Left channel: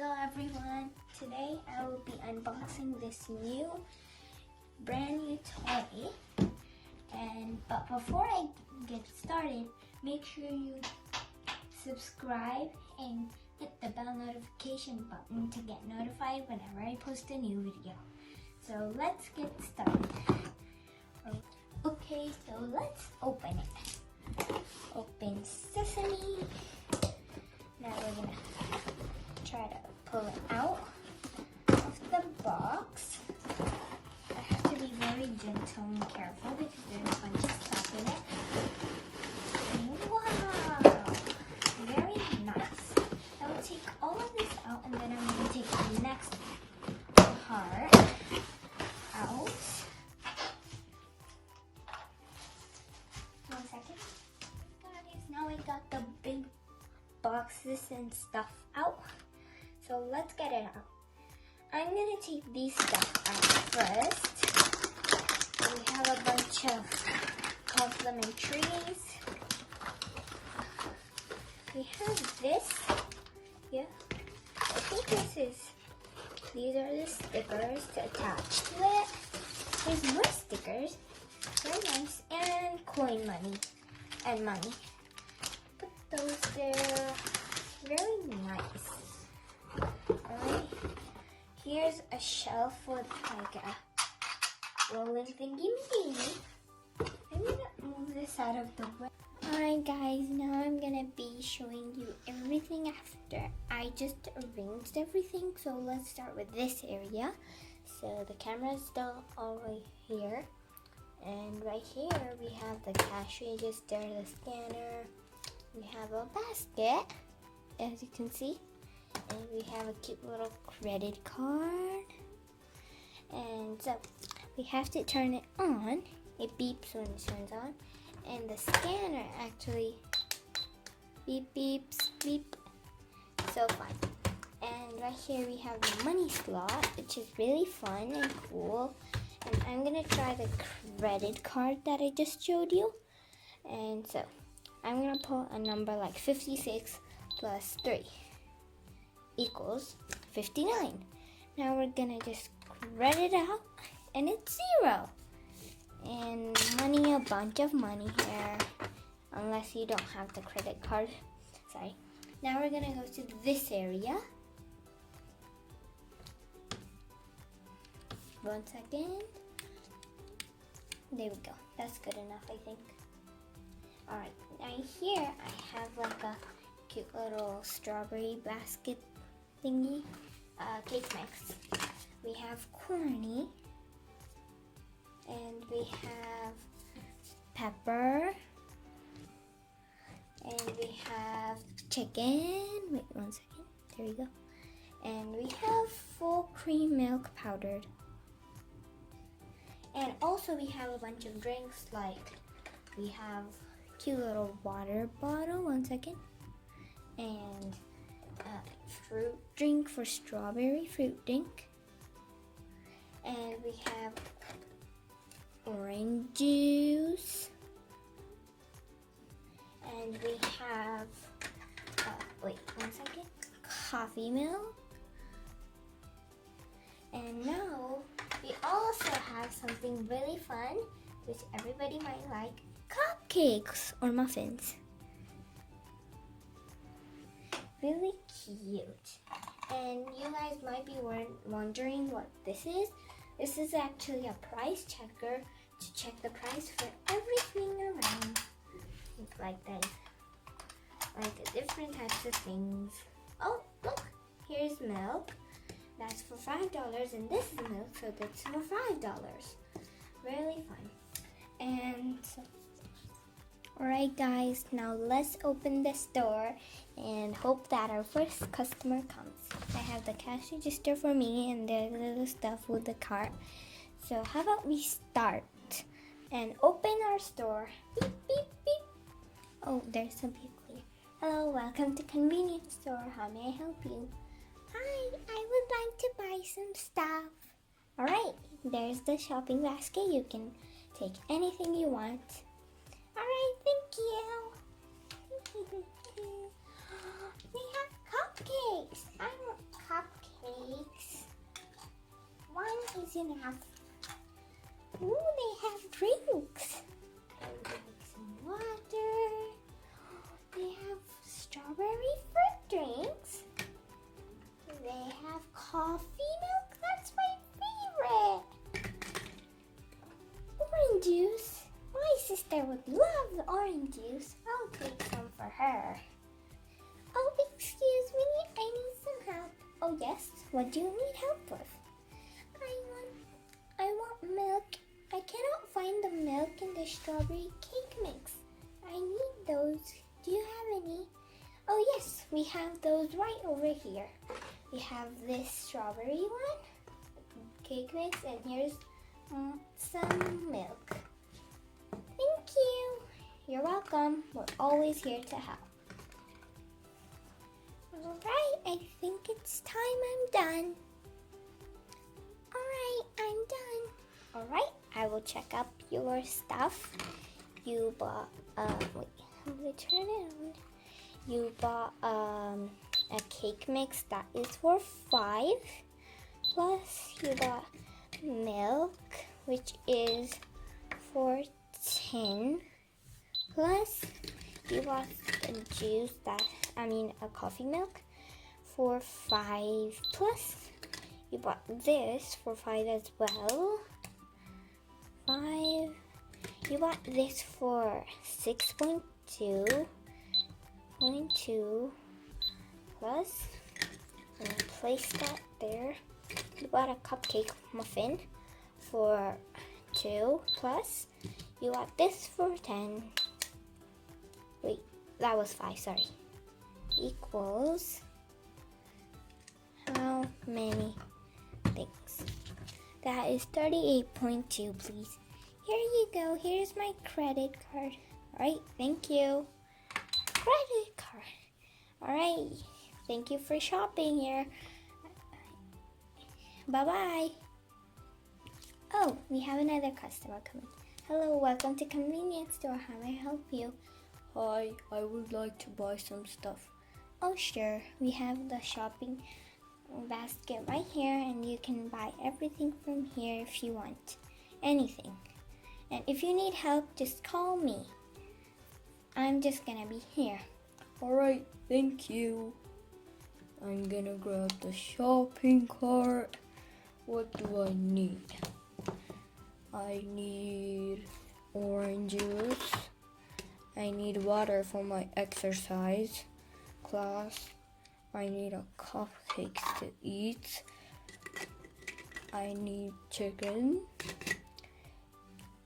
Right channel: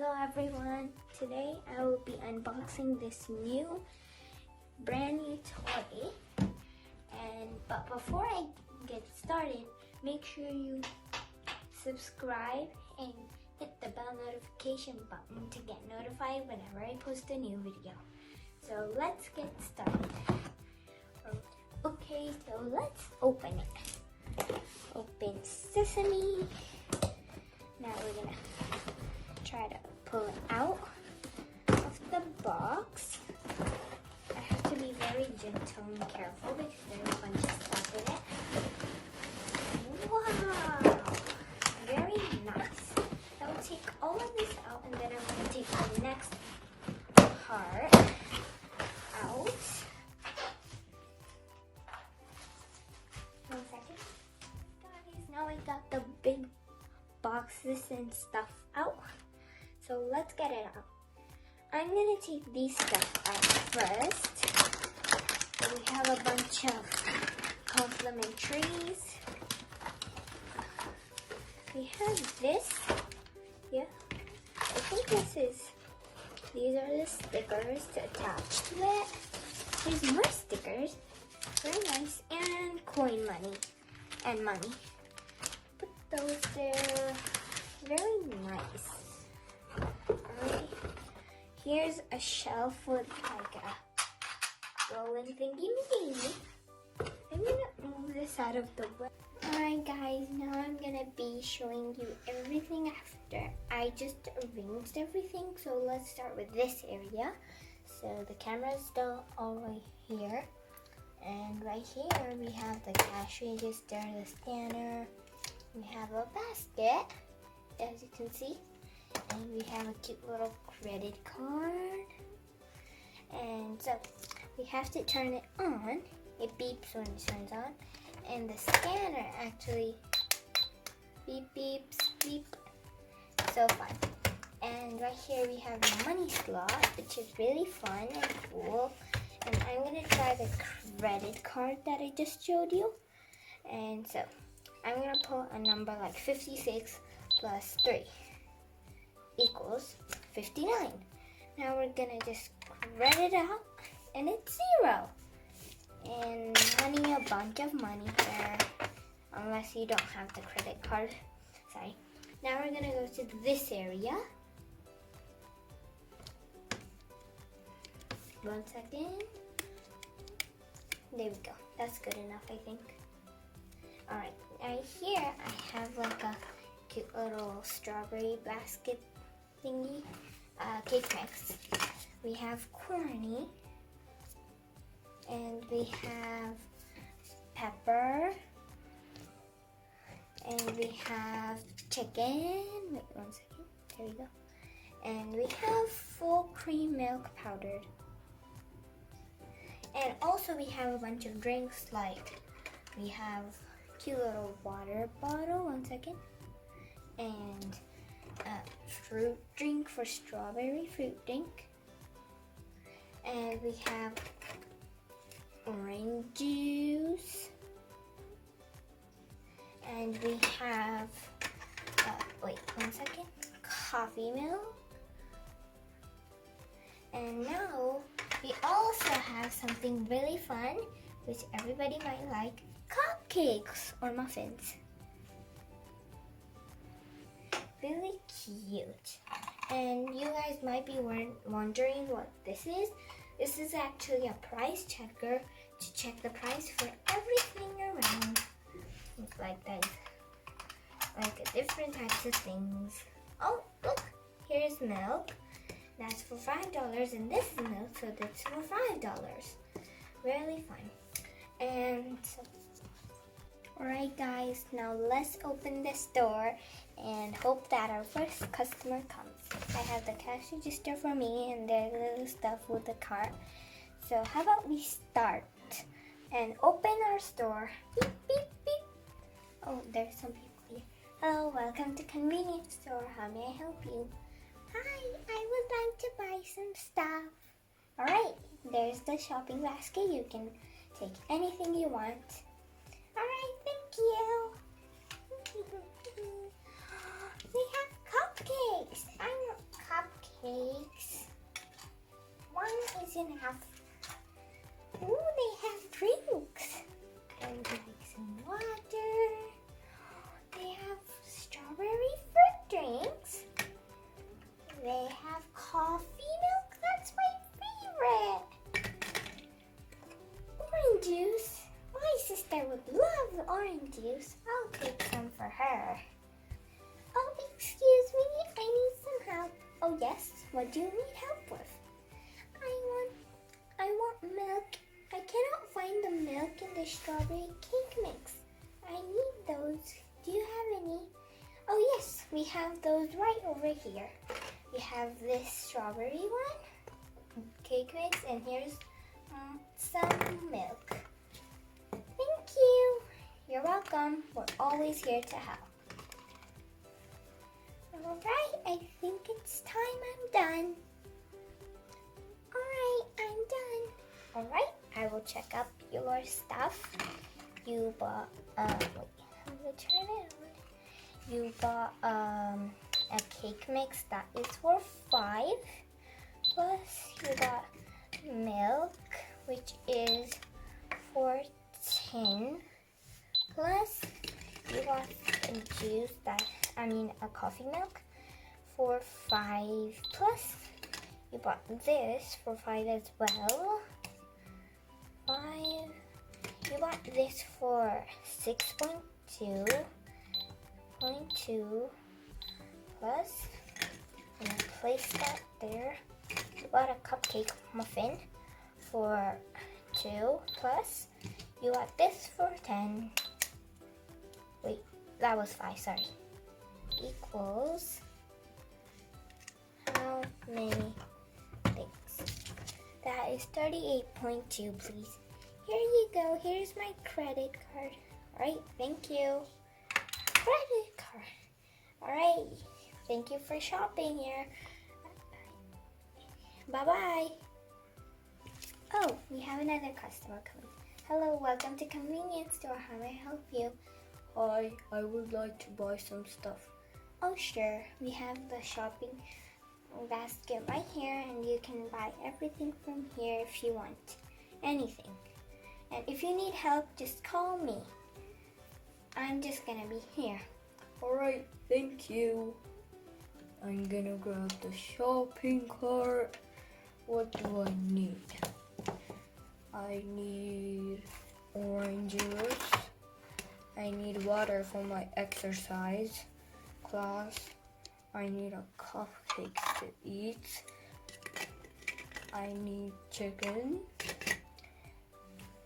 Hello everyone, today I will be unboxing this brand new toy. But before I get started, make sure you subscribe and hit the bell notification button to get notified whenever I post a new video. So let's get started. Okay, so let's open it. Open sesame. Now we're gonna try to pull out the box. I have to be very gentle and careful because there's a bunch of stuff in it. Wow! Very nice. I'll take all of this out and then I'm going to take the next part out. 1 second. Guys, now I got the big boxes and stuff out. So let's get it out. I'm gonna take these stuff out first. We have a bunch of complimentaries. We have this. Yeah. I think these are the stickers to attach to it. There's more stickers. Very nice. And coin money. And money. Put those there. Very nice. Alright. Here's a shelf with like a rolling thingy. I'm gonna move this out of the way. Alright guys, now I'm gonna be showing you everything after I just arranged everything. So let's start with this area. So the camera is still all right here. And right here we have the cash register, the scanner. We have a basket, as you can see. And we have a cute little credit card. And so we have to turn it on. It beeps when it turns on. And the scanner actually beeps, beep. So fun. And right here we have the money slot, which is really fun and cool. And I'm gonna try the credit card that I just showed you. And so I'm gonna pull a number like 56 plus 3 equals 59. Now we're gonna just credit out and it's 0. And money, a bunch of money here, unless you don't have the credit card. Sorry. Now we're gonna go to this area. 1 second. There we go. That's good enough, I think. Alright, right here I have like a cute little strawberry basket thingy, cake mix. We have corny, and we have pepper, and we have chicken. Wait 1 second. There we go. And we have full cream milk powdered. And also we have a bunch of drinks, like we have cute little water bottle. 1 second. And fruit drink for strawberry fruit drink. And we have orange juice. And we have, wait 1 second, coffee milk. And now we also have something really fun, which everybody might like, cupcakes or muffins. Really cute. And you guys might be wondering what this is. This is actually a price checker to check the price for everything around. It's like that, like different types of things. Oh, look, here's milk. That's for $5, and this is milk, so that's for $5. Really fun. And so, alright guys, now let's open this door and hope that our first customer comes. I have the cash register for me and the little stuff with the cart. So how about we start and open our store. Beep, beep, beep. Oh, there's some people here. Hello, welcome to convenience store. How may I help you? Hi, I would like to buy some stuff. Alright, there's the shopping basket. You can take anything you want. Alright, thank you. We have cupcakes. I want is in half. Ooh, they have drinks. And drinks and water. They have strawberry fruit drinks. They have coffee milk. That's my favorite. Orange juice. My sister would love the orange juice. I'll take some for her. Oh, excuse me. I need some help. Oh, yes. What do you need help with? I want milk. I cannot find the milk in the strawberry cake mix. I need those. Do you have any? Oh, yes. We have those right over here. We have this strawberry one, cake mix, and here's some milk. Thank you. You're welcome. We're always here to help. Alright, I think it's time I'm done. Alright, I'm done. Alright, I will check up your stuff. You bought, You bought a cake mix that is for 5. Plus you got milk, which is for 10. Plus you got a juice a coffee milk for 5. Plus you bought this for 5 as well. 5. You bought this for 6.2. 0.2 plus, and place that there. You bought a cupcake muffin for 2 plus. You got this for 10. Wait, that was 5, sorry. Equals how many things? That is 38.2, please. Here you go. Here's my credit card. Alright, thank you. Credit card. Alright, thank you for shopping here. Bye-bye. Oh, we have another customer coming. Hello, welcome to convenience store. How may I help you? Hi, I would like to buy some stuff. Oh, sure. We have the shopping basket right here, and you can buy everything from here if you want. Anything. And if you need help, just call me. I'm just gonna be here. Alright, thank you. I'm gonna grab the shopping cart. What do I need? I need orange juice. I need water for my exercise class. I need a cupcake to eat. I need chicken.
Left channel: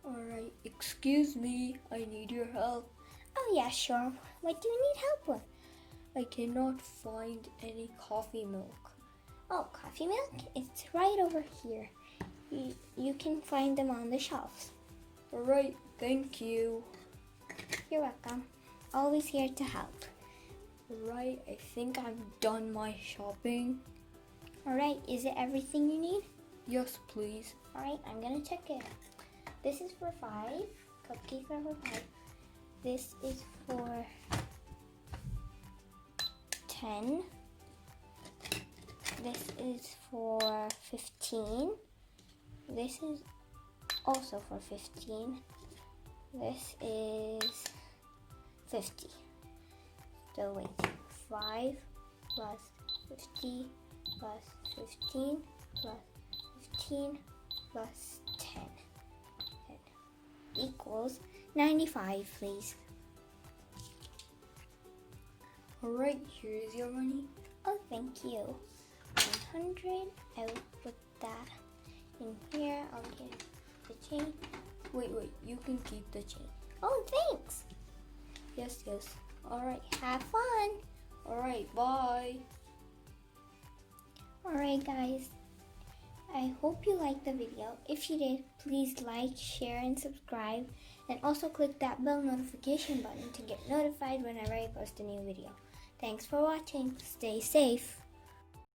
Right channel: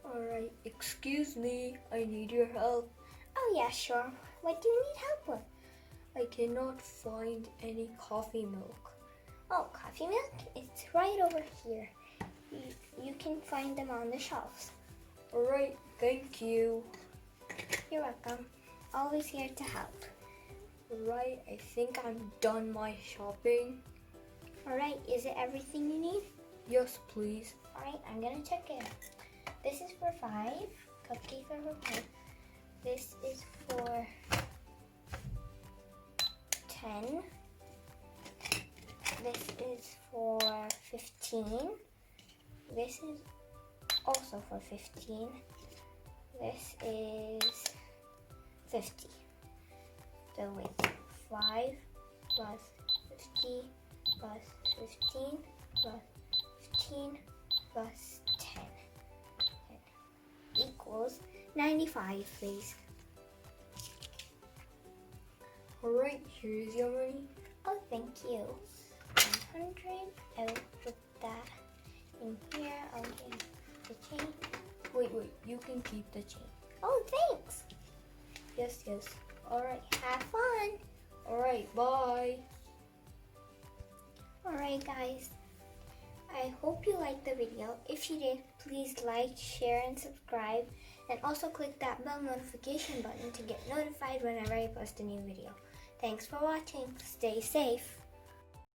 Alright, excuse me, I need your help. Oh yeah, sure. What do you need help with? I cannot find any coffee milk. Oh, coffee milk? It's right over here. You can find them on the shelves. Alright, thank you. You're welcome. Always here to help. Alright, I think I've done my shopping. Alright, is it everything you need? Yes, please. Alright, I'm gonna check it. This is for 5. Cupcakes are for 5. This is for 10. This is for 15. This is also for 15. This is 50. So wait, 5 plus 50 plus 15 plus 15 plus 10 equals 95, please. Alright, here's your money. Oh, thank you. 100. I'll put that in here. I'll get the chain. Wait, you can keep the chain. Oh, thanks. Yes. Alright, have fun. Alright, bye. Alright, guys. I hope you liked the video. If you did, please like, share, and subscribe. And also click that bell notification button to get notified whenever I post a new video. Thanks for watching. Stay safe.